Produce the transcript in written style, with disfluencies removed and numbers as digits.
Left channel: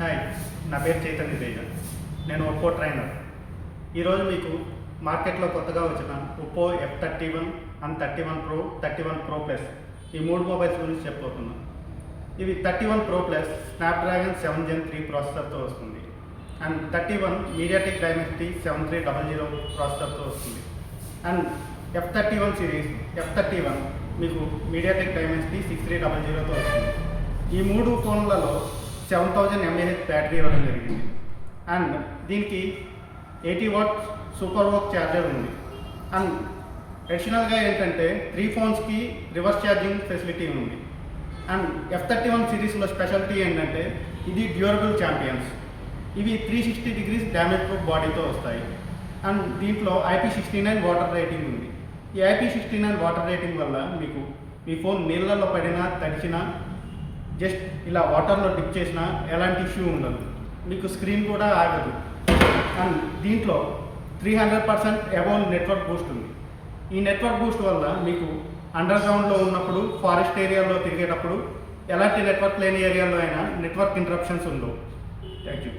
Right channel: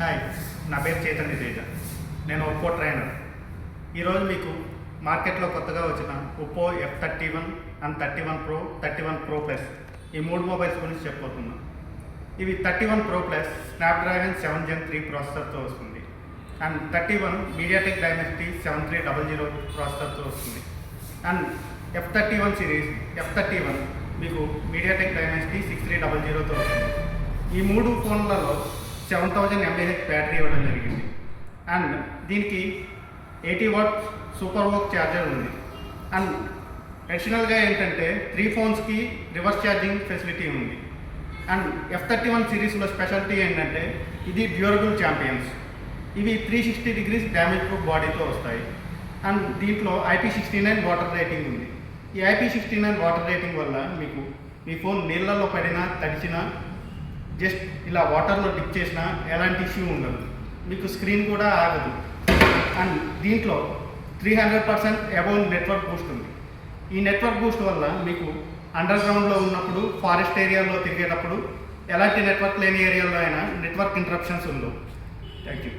Hi, నా పేరు చైతన్య తేజ. నేను ఒప్పో ట్రైనర్. ఈరోజు మీకు మార్కెట్లో కొత్తగా వచ్చిన Oppo F31 and 31 Pro, 31 Pro Plus ఈ మూడు మొబైల్స్ గురించి చెప్పబోతున్నాను. ఇవి 31 Pro Plus స్నాప్డ్రాగన్ 7 Gen 3 ప్రాసెసర్తో వస్తుంది అండ్ 31 మీడియాటెక్ డైమెన్సిటీ 7300 ప్రాసెసర్తో వస్తుంది. అండ్ F31 సిరీస్ F31 మీకు మీడియాటెక్ డైమెన్సిటీ 6300తో వస్తుంది. ఈ మూడు ఫోన్లలో 7000 mAh బ్యాటరీ ఇవ్వడం జరిగింది అండ్ దీనికి 80 వాట్ సూపర్ వోక్ ఛార్జర్ ఉంది. అండ్ అడిషనల్గా ఏంటంటే 3 ఫోన్స్కి రివర్స్ ఛార్జింగ్ ఫెసిలిటీ ఉంది. అండ్ F31 సిరీస్లో స్పెషాలిటీ ఏంటంటే ఇది డ్యూరబుల్ ఛాంపియన్స్. ఇవి 360 degrees డ్యామేజ్ ప్రూఫ్ బాడీతో వస్తాయి. అండ్ దీంట్లో IP69 వాటర్ రేటింగ్ ఉంది. ఈ IP69 వాటర్ రేటింగ్ వల్ల మీకు మీ ఫోన్ నీళ్ళల్లో పడినా తడిచినా జస్ట్ ఇలా వాటర్లో డిప్ చేసినా ఎలాంటి ఇష్యూ ఉండదు. మీకు స్క్రీన్ కూడా ఆగదు. అండ్ దీంట్లో 300% అబోవ్ నెట్వర్క్ బూస్ట్ ఉంది. ఈ నెట్వర్క్ బూస్ట్ వల్ల మీకు అండర్ గ్రౌండ్లో ఉన్నప్పుడు, ఫారెస్ట్ ఏరియాలో తిరిగేటప్పుడు ఎలాంటి నెట్వర్క్ లేని ఏరియాలో అయినా నెట్వర్క్ ఇంటరప్షన్స్ ఉండవు. Thank you.